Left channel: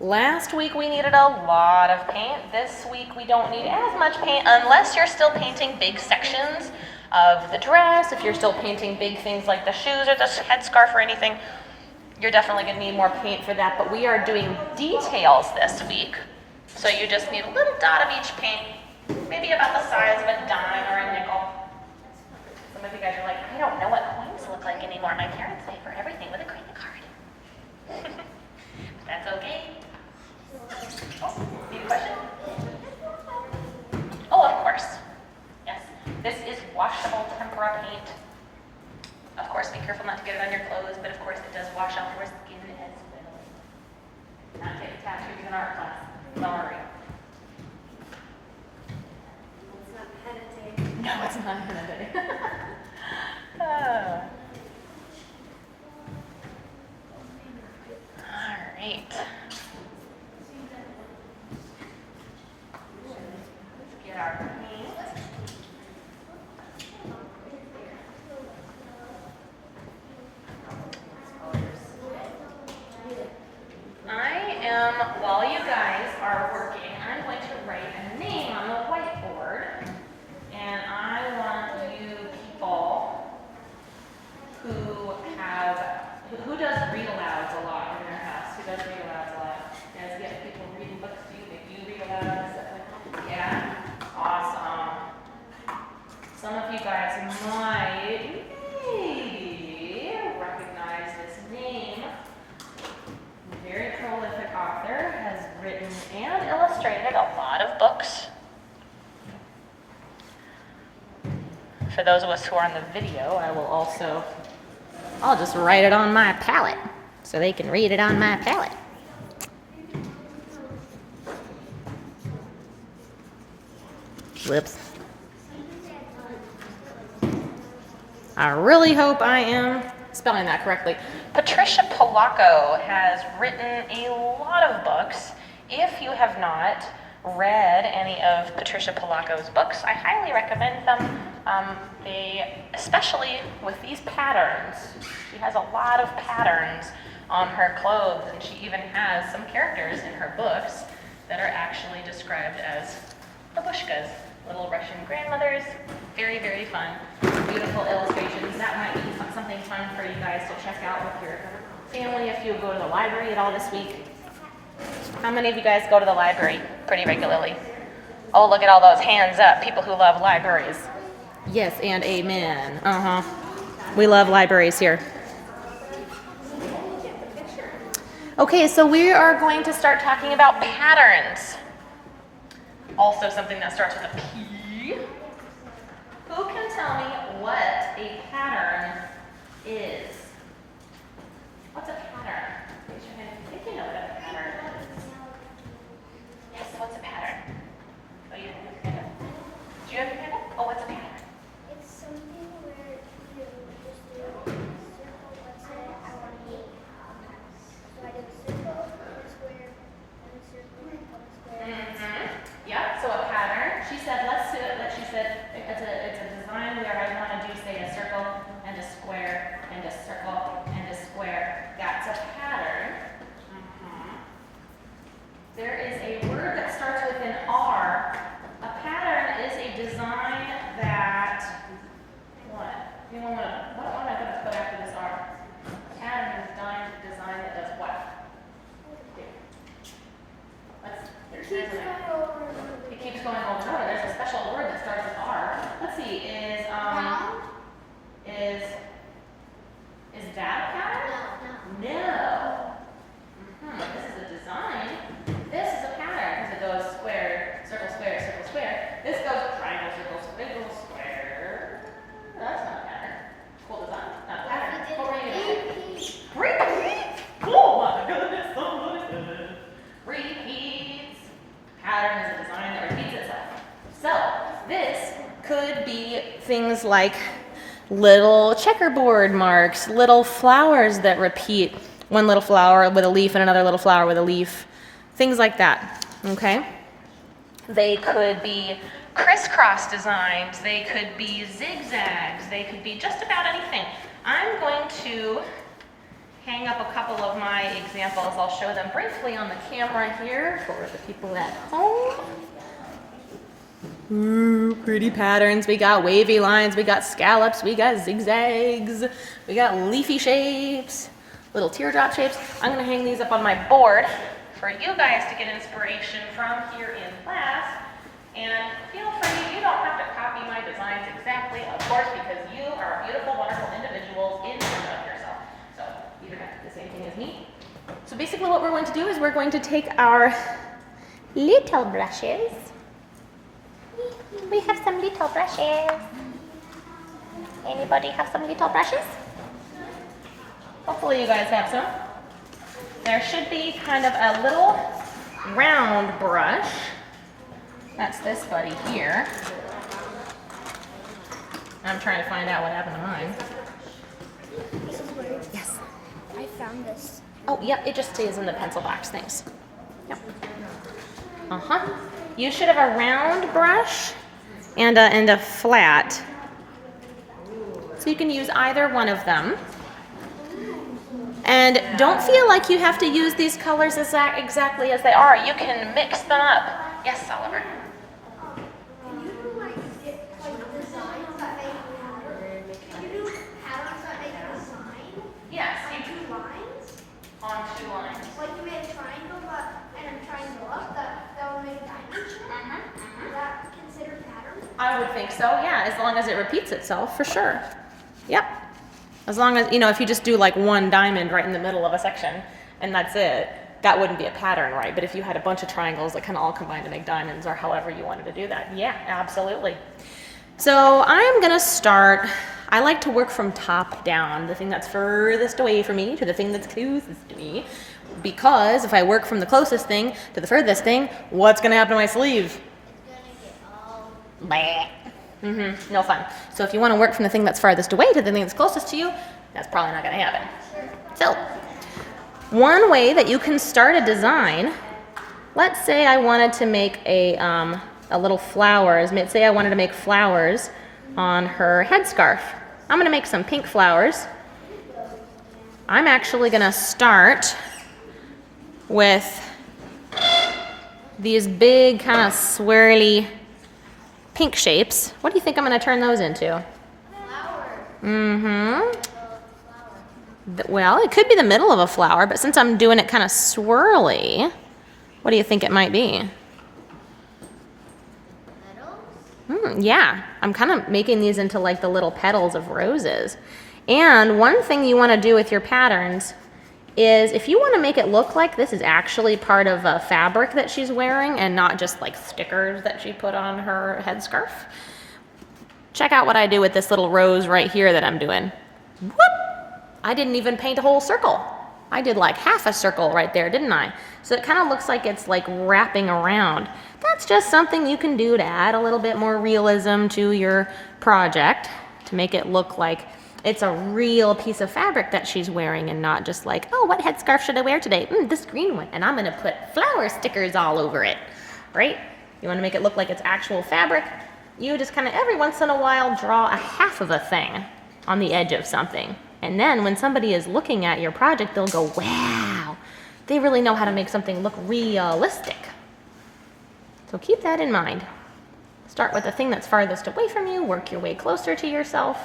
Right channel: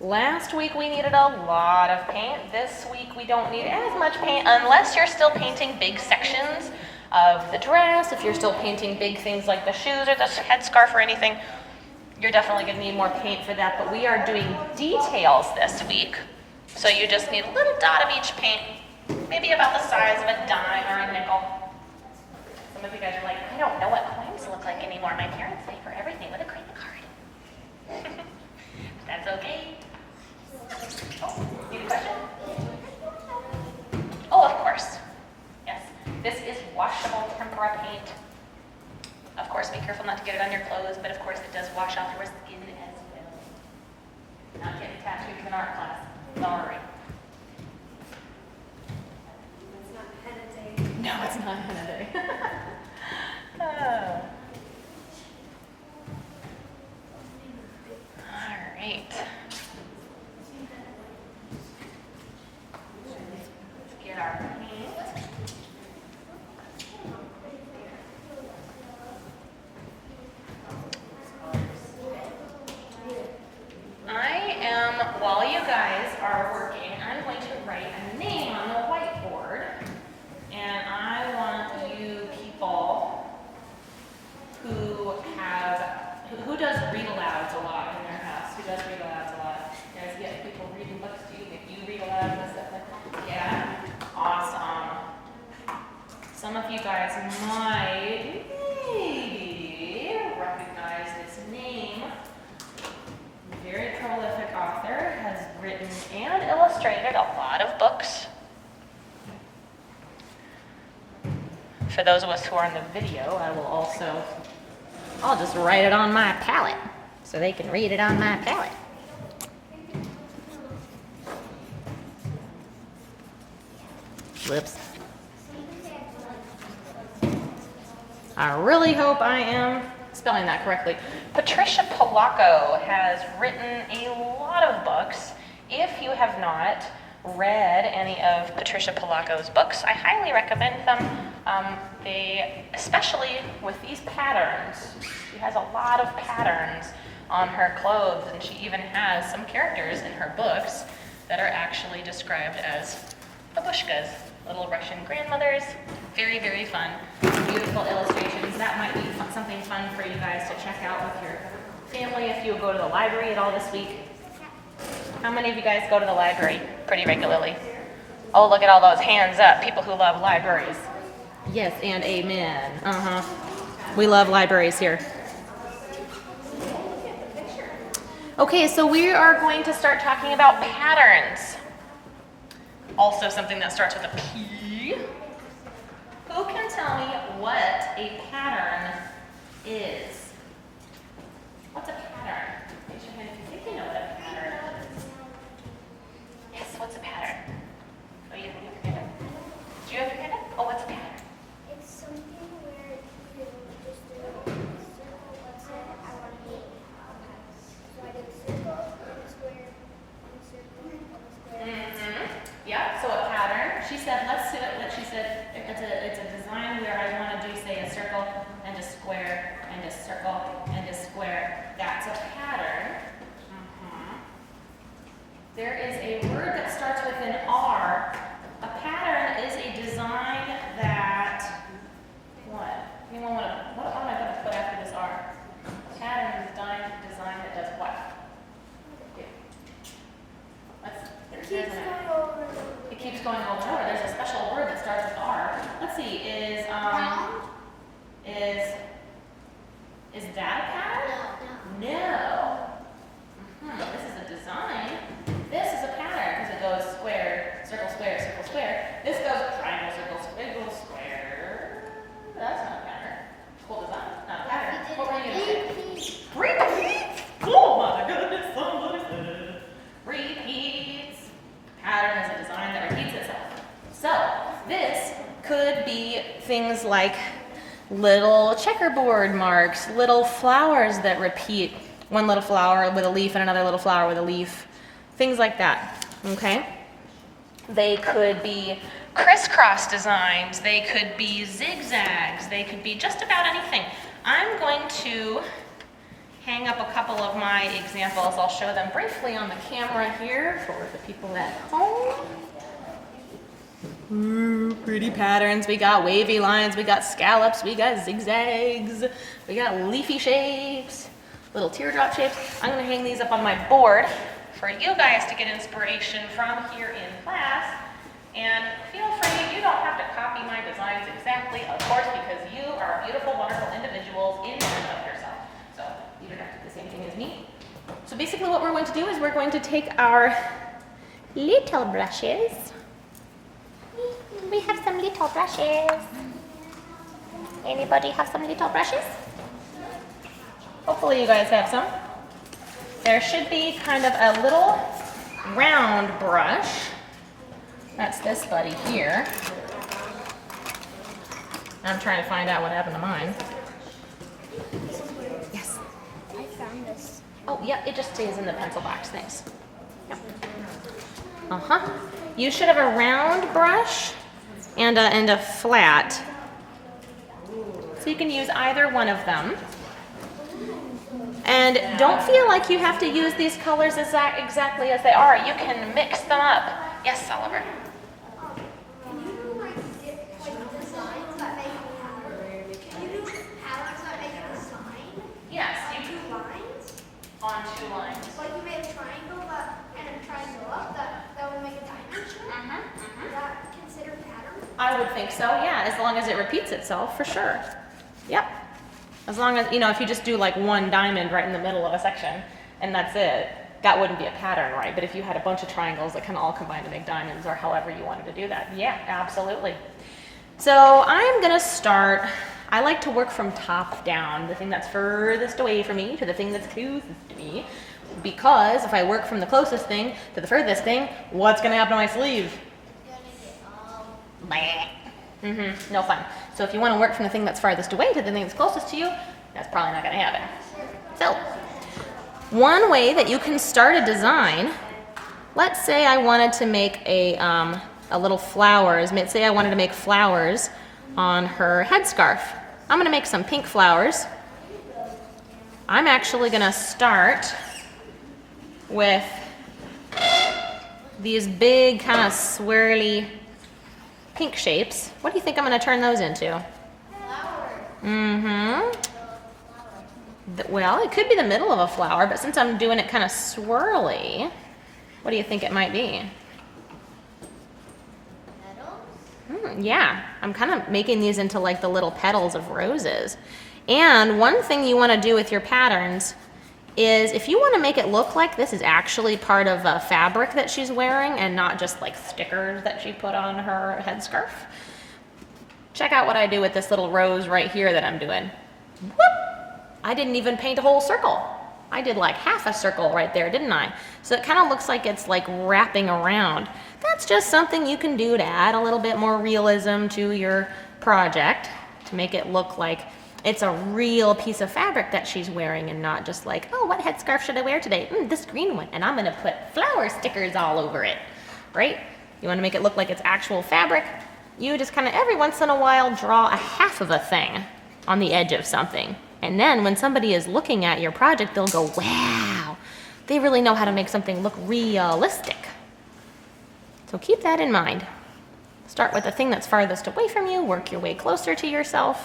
Last week we needed a lot of paint. This week we don't need as much paint unless you're still painting big sections of the dress. If you're still painting big things like the shoes or the headscarf or anything, you're definitely going to need more paint for that. But we are doing details this week. So you just need a little dot of each paint, maybe about the size of a dime or a nickel. Some of you guys are like, I don't know what coins look like anymore. My parents pay for everything with a credit card. That's okay. Oh, need a question? Oh, of course. Yes. This is washable tempera paint. Of course, be careful not to get it on your clothes, but of course it does wash off your skin as well. Not take tattoos in art class. Sorry. It's not henna day. No, it's not henna day. All right. Let's get our paint. While you guys are working, I'm going to write a name on the whiteboard. And I want you people who does read alouds a lot in their house? Who does read alouds a lot? You guys get people reading books to you? If you read aloud and stuff like that? Yeah? Awesome. Some of you guys might maybe recognize this name. Very prolific author, has written and illustrated a lot of books. For those of us who are on the video, I'll just write it on my palette so they can read it on my palette. Whoops. I really hope I am spelling that correctly. Patricia Polacco has written a lot of books. If you have not read any of Patricia Polacco's books, I highly recommend them. Especially with these patterns. She has a lot of patterns on her clothes, and she even has some characters in her books that are actually described as Babushkas, little Russian grandmothers. Very, very fun. Beautiful illustrations. That might be something fun for you guys to check out with your family if you go to the library at all this week. How many of you guys go to the library pretty regularly? Oh, look at all those hands up, people who love libraries. Yes, and amen. We love libraries here. Okay, so we are going to start talking about patterns. Also something that starts with a P. Who can tell me what a pattern is? What's a pattern? Raise your hand if you know what a pattern is. Yes, what's a pattern? Oh, you have your hand up. Do you have your hand up? Oh, what's a pattern? It's something where you just do a circle, let's say I want to eat. So I did a circle, a square, and a circle, and a square. Yeah, so a pattern. She said, let's do it. She said, it's a design where I want to do, say, a circle and a square and a circle and a square. That's a pattern. There is a word that starts with an R. A pattern is a design that, what? Anyone want to, what am I going to put after this R? A pattern is a design that does what? It keeps going over and over. It keeps going over and over. There's a special word that starts with R. Let's see, is that a pattern? No. This is a design. This is a pattern because it goes square, circle, square, circle, square. This goes triangle, circle, square, square. That's not a pattern. Cool design. Not a pattern. What were you going to say? Repeats. Oh my goodness, somebody said. Repeats. Pattern is a design that repeats itself. So this could be things like little checkerboard marks, little flowers that repeat, one little flower with a leaf and another little flower with a leaf, things like that, okay? They could be crisscross designs, they could be zigzags, they could be just about anything. I'm going to hang up a couple of my examples. I'll show them briefly on the camera here for the people at home. Ooh, pretty patterns. We got wavy lines, we got scallops, we got zigzags, we got leafy shapes, little teardrop shapes. I'm gonna hang these up on my board for you guys to get inspiration from here in class. And feel free, you don't have to copy my designs exactly, of course, because you are beautiful, wonderful individuals in and of yourself. So you don't have to do the same thing as me. So basically what we're going to do is we're going to take our little brushes. We have some little brushes. Anybody have some little brushes? Hopefully you guys have some. There should be kind of a little round brush. That's this buddy here. I'm trying to find out what happened to mine. Yes. I found this. Oh, yep, it just stays in the pencil box. Thanks. Yep. Uh-huh. You should have a round brush and a flat. So you can use either one of them. And don't feel like you have to use these colors exactly as they are. You can mix them up. Yes, Oliver. Can you do like designs that make can you do patterns that make a design? Yes, On 2 lines? on 2 lines. Like you made a triangle and a triangle up, that would make a diamond shape? Is that considered pattern? I would think so, yeah, as long as it repeats itself, for sure. Yep. As long as, you know, if you just do like one diamond right in the middle of a section and that's it, that wouldn't be a pattern, right? But if you had a bunch of triangles that kind of all combine to make diamonds or however you wanted to do that, yeah, absolutely. So I'm gonna start, I like to work from top down, the thing that's furthest away from me to the thing that's closest to me, because if I work from the closest thing to the furthest thing, what's gonna happen to my sleeve? Bah. No fun. So if you want to work from the thing that's farthest away to the thing that's closest to you, that's probably not going to happen. So, one way that you can start a design, let's say I wanted to make a little flowers. Say I wanted to make flowers on her headscarf. I'm going to make some pink flowers. I'm actually going to start with these big kind of swirly pink shapes. What do you think I'm going to turn those into? Flower. Well, it could be the middle of a flower, but since I'm doing it kind of swirly, what do you think it might be? Petals? Yeah, I'm kind of making these into like the little petals of roses. And one thing you want to do with your patterns is if you want to make it look like this is actually part of a fabric that she's wearing and not just like stickers that she put on her headscarf, check out what I do with this little rose right here that I'm doing. Whoop! I didn't even paint a whole circle. I did like half a circle right there, didn't I? So it kind of looks like it's like wrapping around. That's just something you can do to add a little bit more realism to your project, to make it look like it's a real piece of fabric that she's wearing and not just like, oh, what headscarf should I wear today? This green one, and I'm gonna put flower stickers all over it, right? You wanna make it look like it's actual fabric. You just kind of every once in a while draw a half of a thing on the edge of something. And then when somebody is looking at your project, they'll go, wow, they really know how to make something look realistic. So keep that in mind. Start with the thing that's farthest away from you, work your way closer to yourself,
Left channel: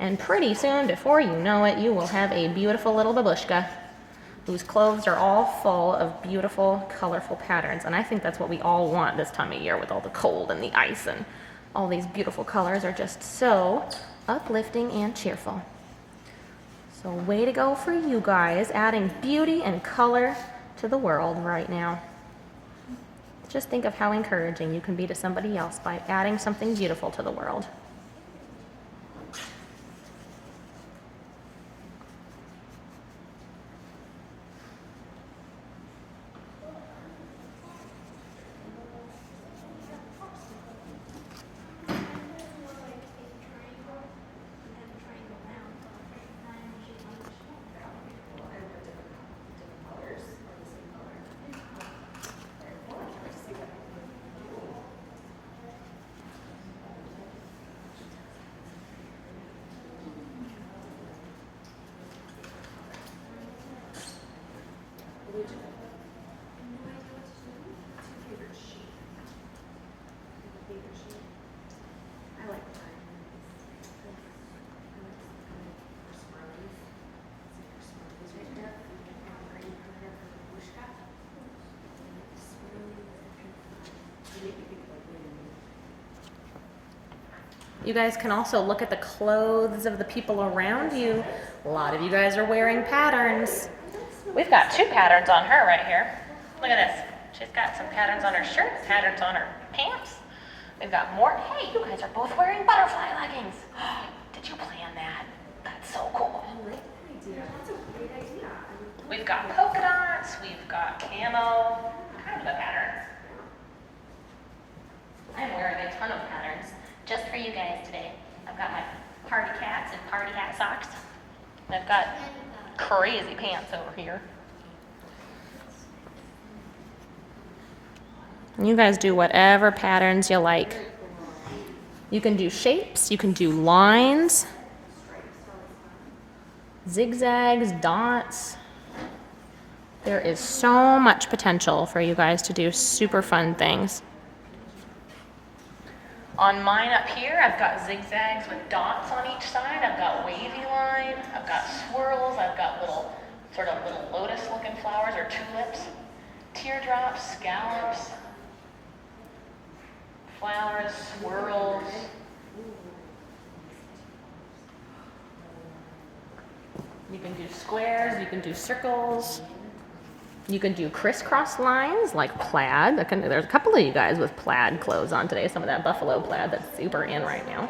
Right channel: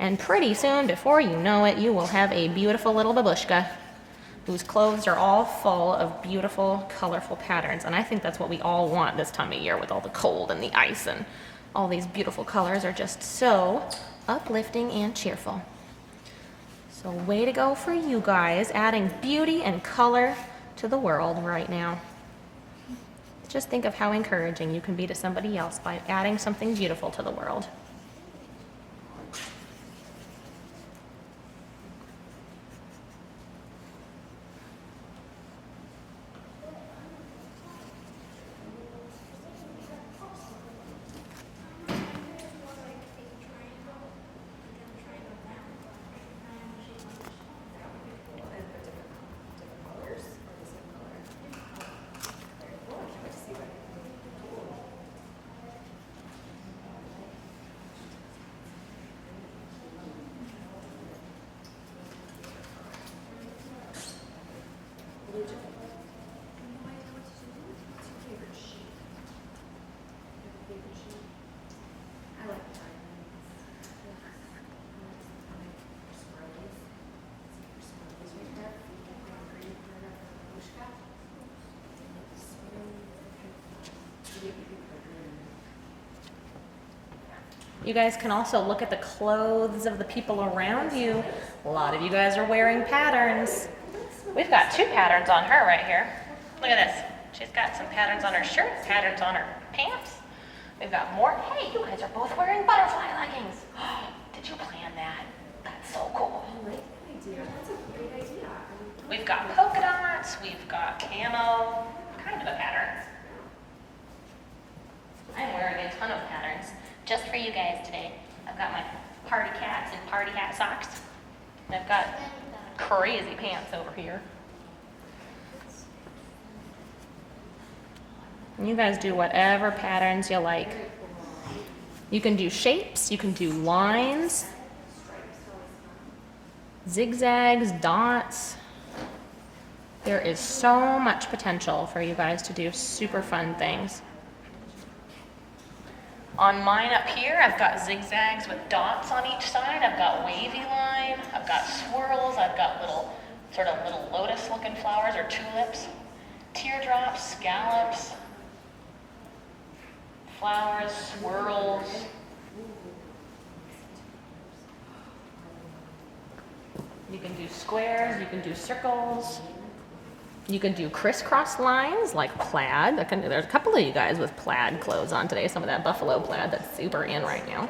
and pretty soon, before you know it, you will have a beautiful little babushka whose clothes are all full of beautiful, colorful patterns. And I think that's what we all want this time of year with all the cold and the ice and all these beautiful colors are just so uplifting and cheerful. So way to go for you guys, adding beauty and color to the world right now. Just think of how encouraging you can be to somebody else by adding something beautiful to the world. You guys can also look at the clothes of the people around you. A lot of you guys are wearing patterns. We've got 2 patterns on her right here. Look at this. She's got some patterns on her shirt, patterns on her pants. We've got more. Hey, you guys are both wearing butterfly leggings. Did you plan that? That's so cool. I like that idea. That's a great idea. We've got polka dots. We've got camo. Kind of a pattern. I'm wearing a ton of patterns just for you guys today. I've got my party cats and party hat socks. I've got crazy pants over here. You guys do whatever patterns you like. You can do shapes, you can do lines, zigzags, dots. There is so much potential for you guys to do super fun things. On mine up here, I've got zigzags with dots on each side. I've got wavy line. I've got swirls. I've got little lotus-looking flowers or tulips, teardrops, scallops, flowers, swirls. You can do squares. You can do circles. You can do crisscross lines like plaid. There's a couple of you guys with plaid clothes on today. Some of that buffalo plaid that's super in right now.